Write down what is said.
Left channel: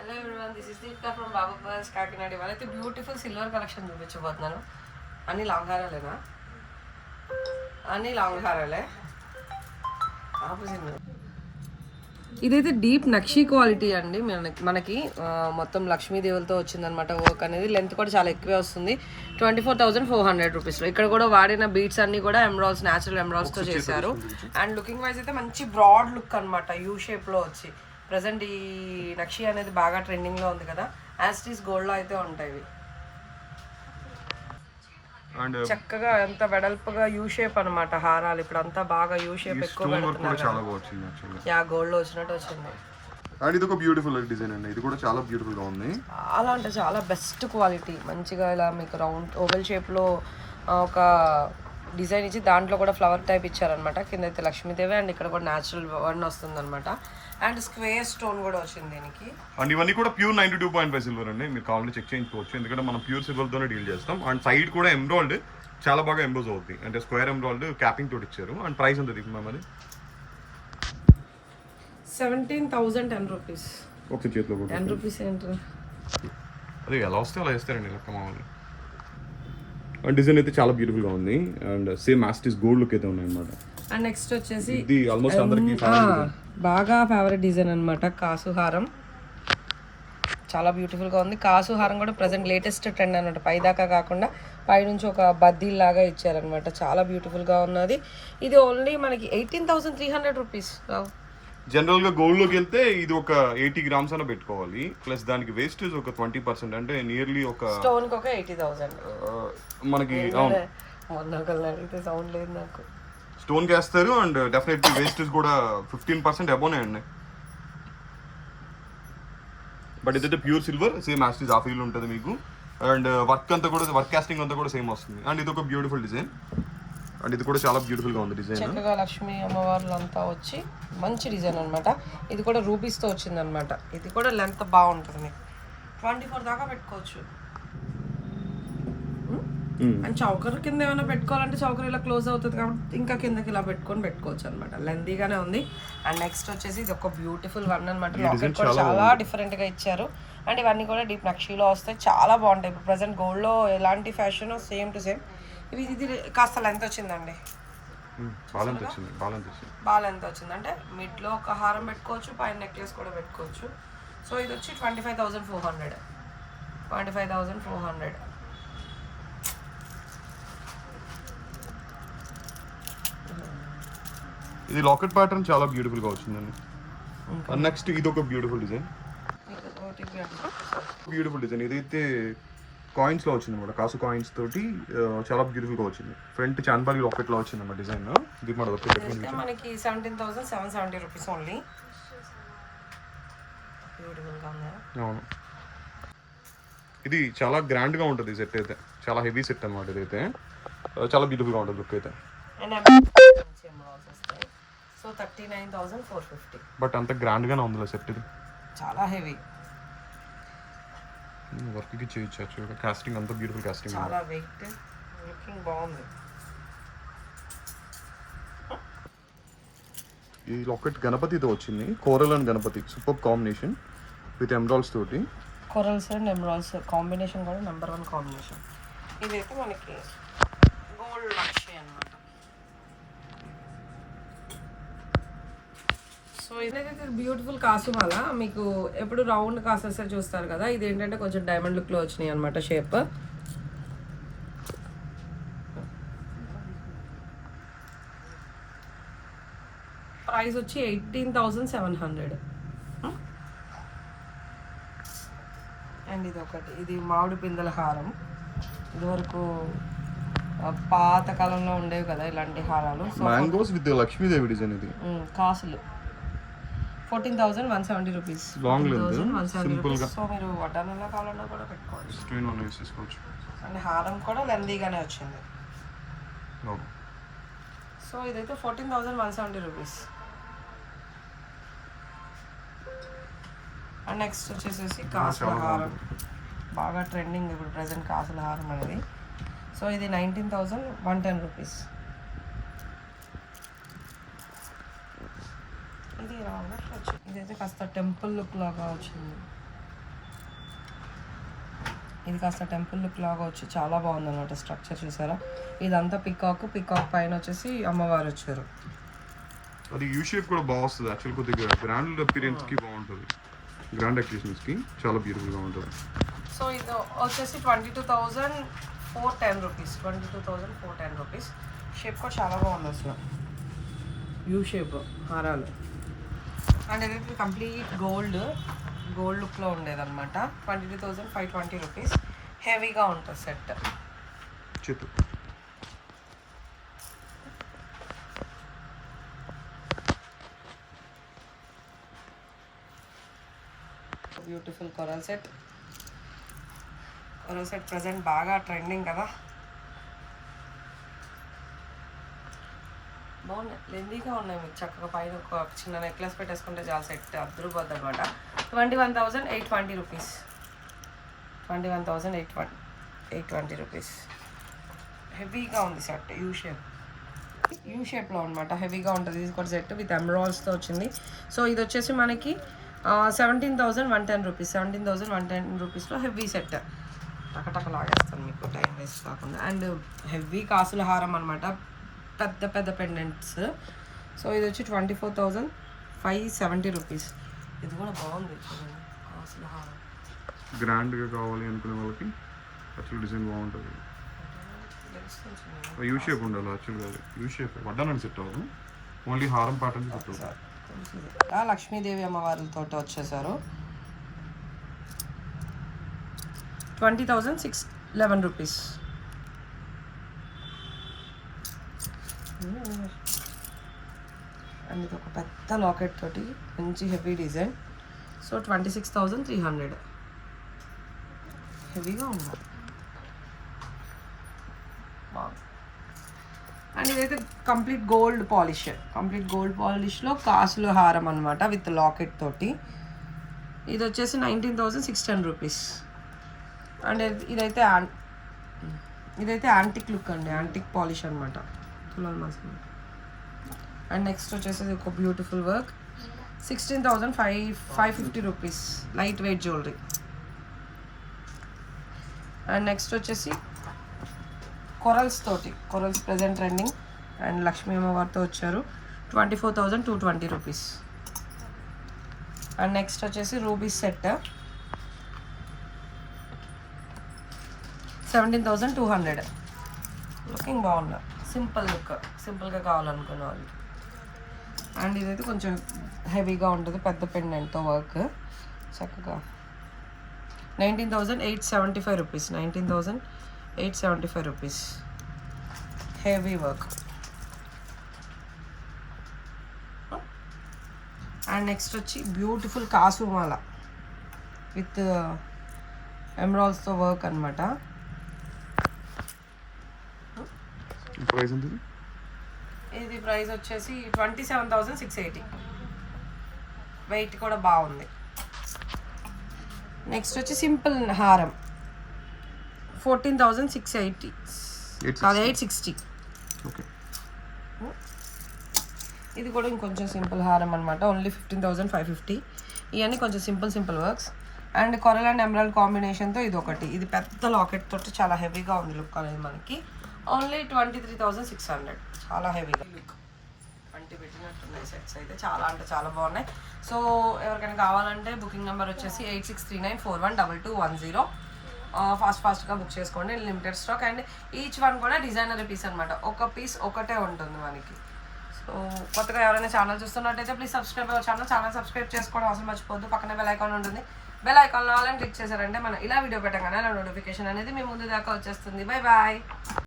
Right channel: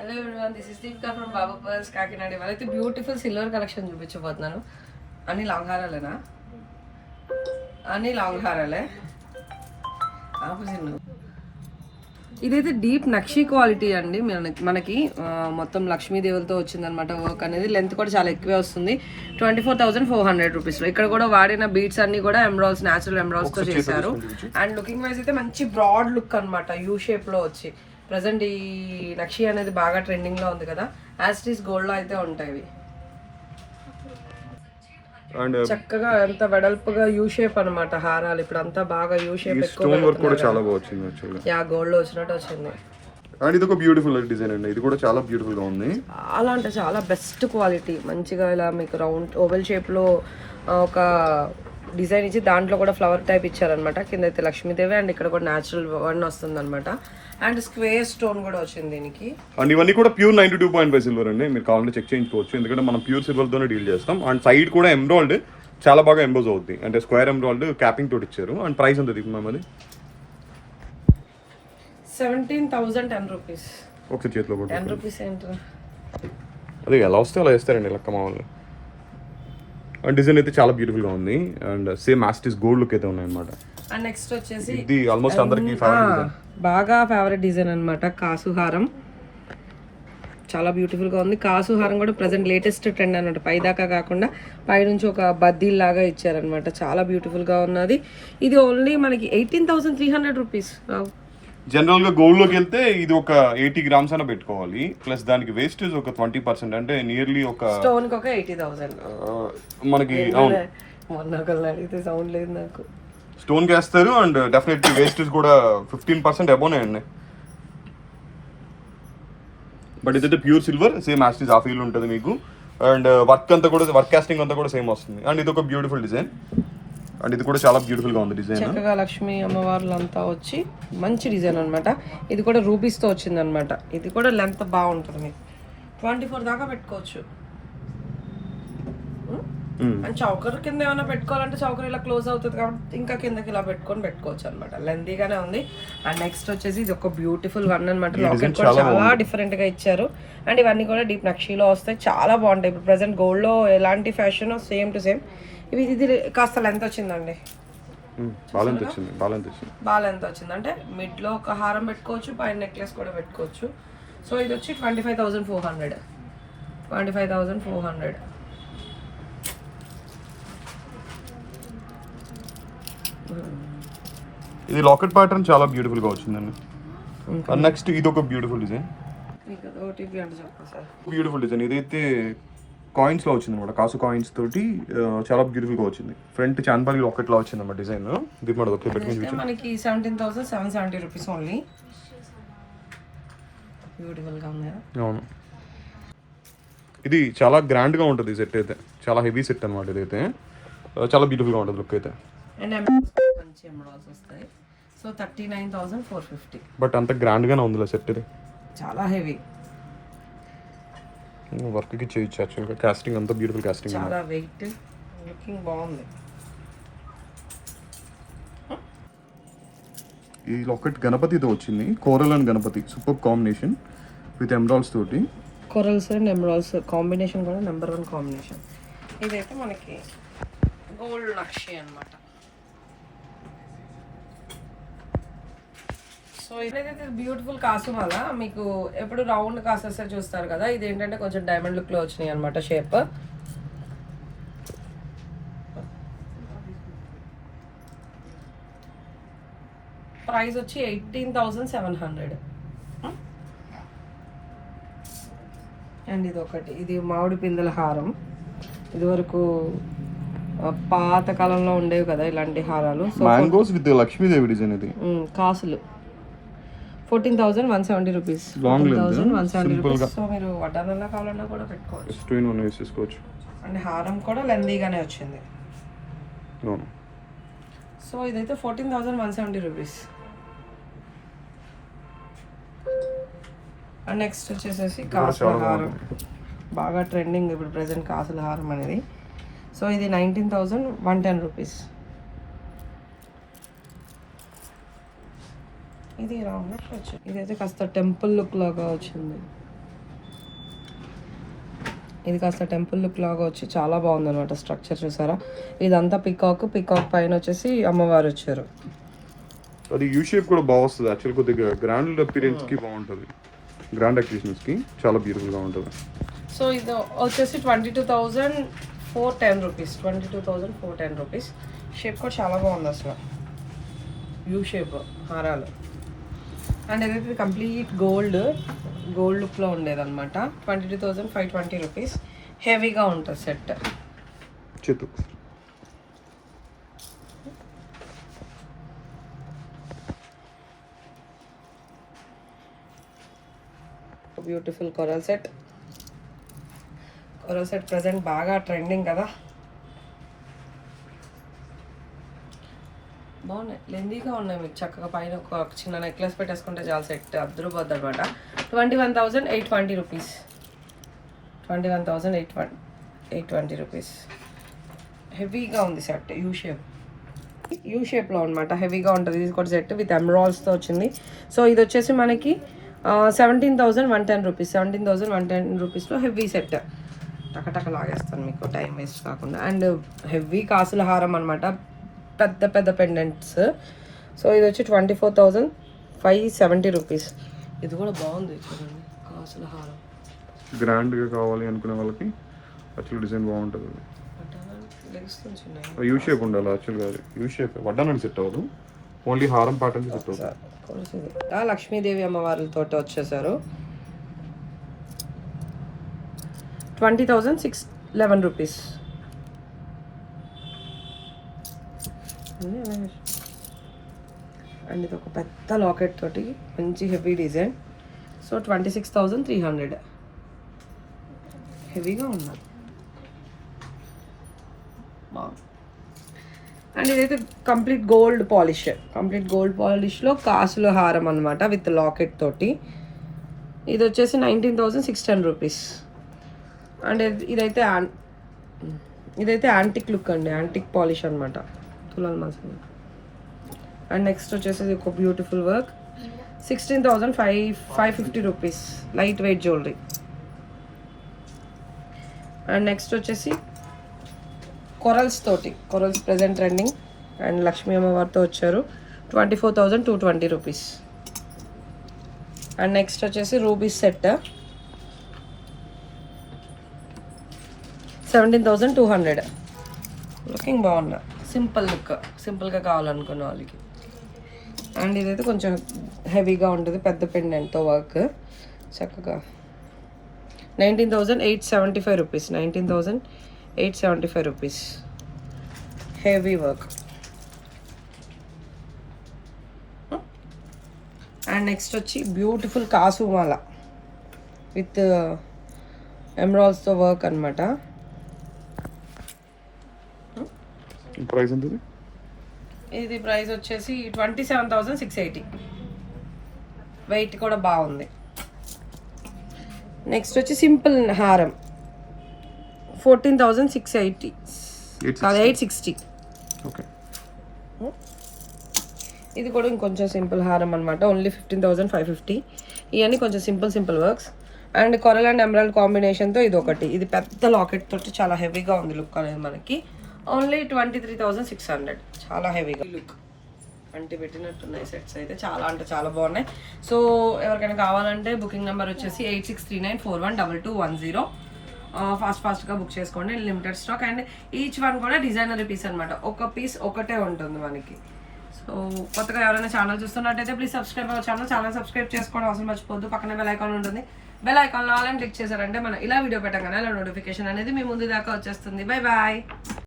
Hello everyone, this is Deepika from Baba pearls Kakinada. వాళ్ళైతే beautiful silver collection చూపించబోతున్నాను. అన్ని long హారాలేనా? అన్ని లాంగ్ హారాలే. ఇదైతే డీప్ నక్షీ క్వాలిటీ అండి. మనకి మొత్తం లక్ష్మీదేవులతో వచ్చిందనమాట. వర్క్ అనేది లెంత్ కూడా చాలా ఎక్కువే వస్తుంది. 24,400 రూపీస్లో. ఇక్కడ కూడా వాడిన బీట్స్ అన్ని కూడా ఎమరాల్స్, న్యాచురల్ ఎమరాల్స్తో చేశారు. అండ్ లుకింగ్ వైజ్ అయితే మంచి బ్రాడ్ లుక్ అనమాట, యూ షేప్లో వచ్చి. ప్రజెంట్ ఈ నక్షి అనేది బాగా ట్రెండింగ్లో ఉంది కదా. యాస్టీస్ గోల్డ్లో అయితే ఉంటాయి. చక్కగా అంత వెడల్పుగా యూ షేప్ అనమాట హారాలు. ఇప్పుడు అంతా బాగా యూ షేప్ గోల్డ్ లో వచ్చినట్టు వచ్చింది. అండ్ ఇది ఒక బ్యూటిఫుల్ డిజైన్ అండి. ఇది కూడా చాలా బ్యూటిఫుల్ గా ఉంది. చాలా అంటే చాలా బెస్ట్ క్వాలిటీ. మంచిగా ఇలా మీకు రౌండ్ ఓవెల్ షేప్ లో ఒక డిజైన్ ఇచ్చి దాంట్లో కూడా ఫ్లవర్ టైప్ ఇచ్చారనమాట. కింద అయితే లక్ష్మీదేవి అండ్ ఇక్కడ కూడా న్యాచురల్ వన్ వస్తుంది అనమాట. అండ్ స్క్వేర్ స్టోన్ కూడా వచ్చింది దీనికి. అండ్ ఇవన్నీ కూడా ప్యూర్ 92.5 సిల్వర్ అండి. మీరు కావాలంటే చెక్ చేయించుకోవచ్చు, ఎందుకంటే మనం ప్యూర్ సిల్వర్ తోనే డీల్ చేస్తాం. అండ్ సైడ్ కూడా ఎమ్రాల్డ్ చాలా బాగా ఎంబోజ్ అవుతుంది, అంటే స్క్వేర్ ఎమ్రాల్డ్ క్యాపింగ్ తోటి ఇచ్చారు. అండ్ ప్రైస్ ఎంత తీసుకున్నాం? 17,010 రూపీస్. ఒక చేతిలో కూడా 10 రూపీస్ ఏంటి? అదే ఎలా వస్తే అలా వేస్తారండి లెక్క మామూలుగా. అండ్ డిజైన్ అయితే చాలా బ్యూటిఫుల్ గా ఉంది. అండ్ సేమ్ యాస్టీస్ గోల్డ్ లుక్ అయితే ఉన్నాయి అనమాట. అండ్ నెక్స్ట్ వచ్చేసి ఇది ఆల్మోస్ట్ అందరికి బాగా ఫేవరెట్ డిజైన్ అనమాట, కాసుహారం. చాలా బ్యూటిఫుల్ గా ఉంది. కాసుహారం కూడా ప్రజెంట్ లేటెస్ట్ ట్రెండ్ అనమాట. పైదాకా కాకుండా పైనుంచి ఒక బద్దీల్ లాగా ఇచ్చారనమాట. చాలా బ్యూటిఫుల్ గా ఉన్నది. ఇది ఓన్లీ మనకి 18,300 రూపీస్. జనరల్ గా గోల్డ్ లోకి వెళ్తే ఇది ఒక 80 గ్రామ్స్ అయినా పెట్టుకోవాలి. ప్లస్ దానికి వేస్టేజ్ ఒక 20%, అంటే నియర్లీ ఒక స్టోన్ కి ఒక 80,000 మనకి. మొన్న ఒకళ్ళు అడిగితే సౌండ్ లేదు నాకు. స్టోన్ కి వేస్తారు. అండ్ డెఫినెట్లీ వేస్టేజ్ కూడా 15% అబోనే అండి. బట్ ఇదైతే ప్యూర్ సిల్వర్, సేమ్ యాస్టీస్ ఆ ఫీల్ ఉంటుంది మీకు. అండ్ వర్క్ అంతా కూడా, వర్క్ కాస్టింగ్ అంతా కూడా సేమ్ వస్తుంది. అండ్ ఇది ఒక బ్యూటిఫుల్ డిజైన్. అండ్ ఇది కూడా చాలా బ్యూటిఫుల్ గా ఉంది డిజైన్. చక్కగా లక్ష్మీ అమ్మవార్లు అంతా వచ్చి మంచి డిజైన్ అనమాట. ఇది కూడా రూబీస్ తో వచ్చింది అనమాట. ఇది కూడా లెంత్ బాగుంటుంది. మీకు 24 దాకా పెట్టుకోవచ్చు. అండ్ చౌకర్ కింద ఏమైనా పెట్టుకోవాలంటే చౌకర్ ఇలా క్లోజ్ అవుతుంది కాబట్టి ఇంకా కిందకి ఇలా పెట్టుకోవచ్చు అనమాట. లెందీగానే ఉంది. అండ్ నెక్స్ట్ వచ్చేసి ఇది ఒక బ్యూటిఫుల్ వన్ అనమాట. లాకెట్ కూడా చాలా డిఫరెంట్ గా ఇచ్చారు. అండ్ ఇవన్నీ కూడా డీప్ నక్షీలో వస్తాయి. చాలా బాగుంటాయి. ఇప్పుడు ప్రజెంట్ గోల్డ్ లో ఎలాంటి ఫ్యాషన్ సేమ్ టు సేమ్. ఇది కాస్త లెంత్ వచ్చిందండి. బాగా లెంత్ వచ్చింది. అంటే మిడ్ లో ఒక హారం పెట్టుకోవచ్చు, పైన నెక్లెస్ కూడా పెట్టుకోవచ్చు. సో ఇది వచ్చి 25,400. 25,400. ఇది లాకెట్ ప్యాటర్న్ చాలా బ్యూటిఫుల్ గా వచ్చిందండి. నెక్స్ట్ ఇది ఒక బ్యూటిఫుల్ డిజైన్. Beautiful design. ఇదైతే కాయిన్స్ లో వచ్చింది అనమాట. కాసు కాయిన్స్ తోటి చాలా బ్యూటిఫుల్ గా వచ్చింది. ఫ్రంట్ చాన్బాలి లాకెట్ లో వచ్చింది అన్నమాట డిజైన్. ఇది మనకి 17,770 రూపీస్ ఓన్లీ. బ్యూటిఫుల్ గా ఉంది. అవును, ఇది చాలా గ్రాండ్ గా ఉంటుంది. సెట్ అయితే చాలా హెవీ సెట్ అనమాట. ఇదైతే చాలా బ్యూటిఫుల్ గా ఉంటుంది లుక్ అయితే. సో 39,450. బట్ అంత గ్రాండ్ గానే ఉంది సెట్. ఇది చాలా హెవీ. వర్క్ కి చేయొచ్చు. యాక్చువల్గా కాస్టింగ్ అంతా బ్యూటిఫుల్ కాస్టింగ్. చాలా వెయిట్, లుకింగ్ బాగుంది. ఈ లాకెట్ గణపతితో వచ్చింది. Coral and Ganapati super combination with emeralds తోటి. కోరల్స్ అండ్ ఎమరాల్డ్స్ కాంబినేషన్ కూడా నెంబర్ 1 కాంబినేషన్. ఇదైతే మనకి గోల్డ్ నక్షి అన్నమాట. సో ఇదైతే బ్యూటిఫుల్ కాసుమాల. మీకు ఎప్పుడు రౌండ్ కాసెస్ చూస్తారు కదా, ఇది ఏంటంటే కొంచెం డైమండ్ లుక్ లో వచ్చినాయి అనమాట షేప్. ప్రైస్ వచ్చి 18,700. అండ్ ఇది ఒకటి, ఇది మామిడి పిందెల హారం. ఇదివరకు పాత కాలంలో ఉండేవి కదా ఇలాంటి హారాలు. Mangoes with Lakshmidevi design. ఇది కాసులు 14,170 రూపీస్. 14,170 రూపీస్. సో మీరు వడ్డానంలో కావాలన్నా కూడా పెట్టుకోవచ్చు. అండ్ హారం కూడా లెందీగానే వచ్చింది. సో ఇదైతే 14,170 రూపీస్. అండ్ నెక్స్ట్ వచ్చేసేసి కాసుల హారం. బాగా ట్రెండింగ్ ఇప్పుడు ప్రజెంట్ కాసుల హారం అనేది. సో ఇది 19,110 రూపీస్. ఇది ఇలా ఉన్నట్లు వచ్చింది. ఇదైతే కాస్త టెంపుల్ లుక్ లాగా వచ్చింది. ఇది కాస్త టెంపుల్ లుక్ లాగా వచ్చి చాలా బాగుంది అనమాట స్ట్రక్చర్ చూసారా. ఇదంతా పికాక్ పైన వచ్చేసి అమ్మవారు వచ్చారు. అది యూ షేప్ కూడా బాగా వస్తుంది యాక్చువల్, కొద్దిగా గ్రాండ్ అపీరెన్స్ కి బాగుంటుంది, గ్రాండ్ అకేషన్స్ కి చాలా బ్యూటిఫుల్ గా ఉంటుంది. సో ఇది వచ్చేసి 22,410 రూపీస్, 22,410 రూపీస్. షేప్ కూడా చాలా బాగుంది అసలు, యూ షేప్ హారాలు. అండ్ ఏదైతే కంప్లీట్ గోల్డ్ లుక్లో ఉండేదన్నమాట. 22,520 రూపీస్. హెవీగా ఉంటుంది సెట్. చేతు బ్యూటిఫుల్ కొరల్ సెట్ ప్రెజెంట్ బాగా ట్రెండింగ్ కదా. బాగున్నాయి, లెందీగా ఉన్నాయి. మీకు చక్కగా పైన ఒక చిన్న నెక్లెస్ పెట్టేసుకుంటే చాలా సెట్ అద్దరుపోద్ది అనమాట. 21,820 రూపీస్, 21,820 రూపీస్. హెవీగా ఉంది సెట్, యూ షేప్లో అనమాట, హెవీగా ఉంటుంది. ఇది కూడా సెట్ విత్ ఎమరాల్డ్స్తో వచ్చింది. సో ఇది వచ్చేసి మనకి 17,110 రూపీస్, 17,110 రూపీస్లో హెవీ సెట్. టకటక లాగేస్తాను మీకు టైం వేస్ట్ కాకుండా. అండ్ హెవీ కాసుల హారం అనమాట, పెద్ద పెండెంట్స్. సో ఇది వచ్చి 24,570 రూపీస్. ఇది కూడా బాగుంది చూడండి, కాసుల హారం. గ్రాండ్గా కావాలి అనుకునే వాళ్ళకి యాక్చువల్ డిజైన్ బాగుంటుంది. యూ షేప్ ఉండాలి యాక్చువల్గా, యూ షేప్ వడ్డానని సెట్ అవ్వదు, ఓన్లీ హారం ప్యాటర్న్ సెట్ అవుతుంది. లక్ష్మీదేవి అమ్మవారితో వచ్చేసారు. 20,611 రూపీస్. అండ్ ఇది ఒక పెద్ద లాకెట్ తోటి మంచి హెవీ డిజైన్. సో 26,300. హెవీగా ఉన్నారు, బాగుంది. అండ్ ఇదైతే కంప్లీట్ గోల్డ్ పాలిష్లో కాసుల హారం అనమాట విత్ లాకెట్ తోటి. ఇది వచ్చేసి 19,610 రూపీస్. అండ్ ఇదైతే యాంటిక్ లుక్ అండి, యాంటిక్ పాలిష్ అనమాట, తులాల మాసం. అండ్ నెక్స్ట్ వచ్చేసి ఒక beautiful work, 16,550 rupees, light weight jewellery. And next వచ్చేసి corals present trending. And Lakshmi అమ్మవారితో వచ్చారు, 24,220 రూపీస్. అండ్ నెక్స్ట్ వచ్చేసి రూబీస్ సెట్, 17,200. లుకింగ్ బాగున్నా, సింపుల్గా కావాలనుకున్న వాళ్ళకి. అండ్ ఇదైతే కొంచెం హెవీగా ఉంటుంది, పెద్ద పెండెంట్తో వర్క్ చక్కగా. 19,875 rupees, 19,875 rupees. Heavy work. And next వచ్చి బ్యూటిఫుల్ కాసు మాల విత్ ఎమరాల్డ్స్తో వర్క్ అనమాట. ప్రైస్ ఎంత? ఇది ప్రైస్ వచ్చేసి 27,680. వెయిట్ కూడా బాగుంది. నెక్స్ట్ వచ్చి సింపుల్ హారం, 14,680, 860. ఓకే. ఇది కూడా ఇంకొంచెం సింపుల్ హారం అనమాట, ఓన్లీ 15,550. ఇవన్నీ కొంచెం simple works. And coral and emerald కాంబినేషన్తో ఇది ఒకటి. ఇది పెద్ద లాకెట్ తోటి చాలా హెవీగా ఉంది లుక్ అనేది మనకి. ఓన్లీ 23,600. చాలా హెవీగా లుక్, అంటే పెట్టినట్టున్నాయి సెట్స్ అయితే, చాలా అంటే చాలా బాగున్నాయి. సో ఎవరికైనా కావాలంటే బుకింగ్ నెంబర్ వచ్చేసి 8639412210. ఫాస్ట్గా బుక్ చేసుకోండి, limited stock. And each one కూడా డిజైనరీ పీస్ అనమాట, ఒక పీస్ ఒకటే ఉంటుంది మనకి. సో కొత్తగా ఎవరైనా ఛానల్ చూస్తున్నట్టయితే ప్లీజ్ సబ్స్క్రైబ్ అవ్వ ఛానల్ సబ్స్క్రైబ్ చేసుకోవడం అవసరం మర్చిపోద్దు. పక్కనే బెల్ ఐకాన్ ఉంటుంది, బెల్ ఐకాన్లో ఆల్ అని క్లిక్ చేశారంటే మనం ఇలా వీడియో పెట్టగానే అలా నోటిఫికేషన్ అనేది మీ ముందు దాకా వచ్చేస్తుంది. Bye bye.